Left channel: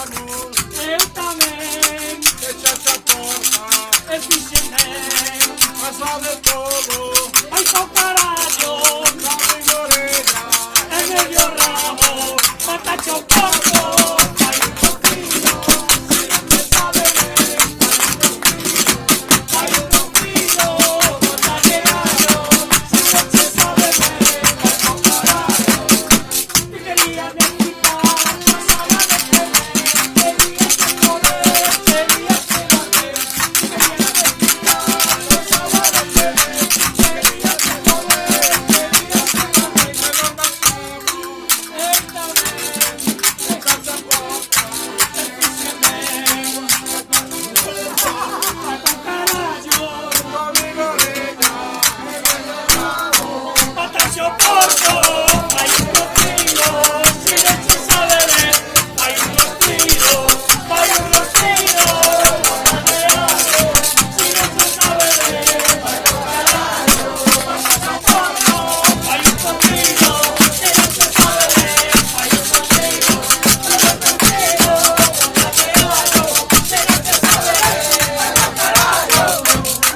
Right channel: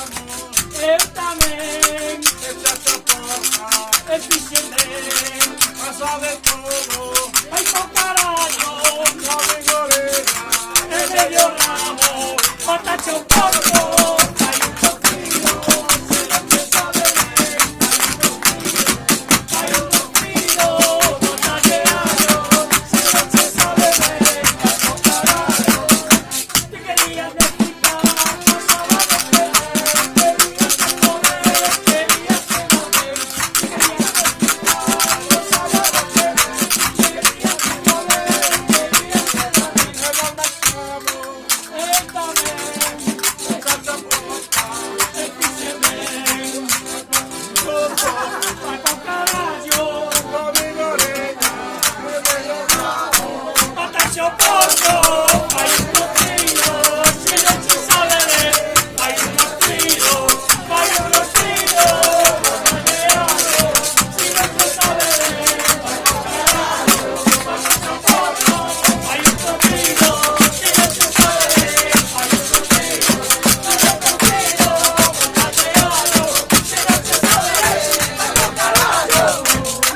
amor, eu também, esta é a porta, el pichemén, a saber todo, ay, po caralho, la vigorera, el medio ramo, patacho poco.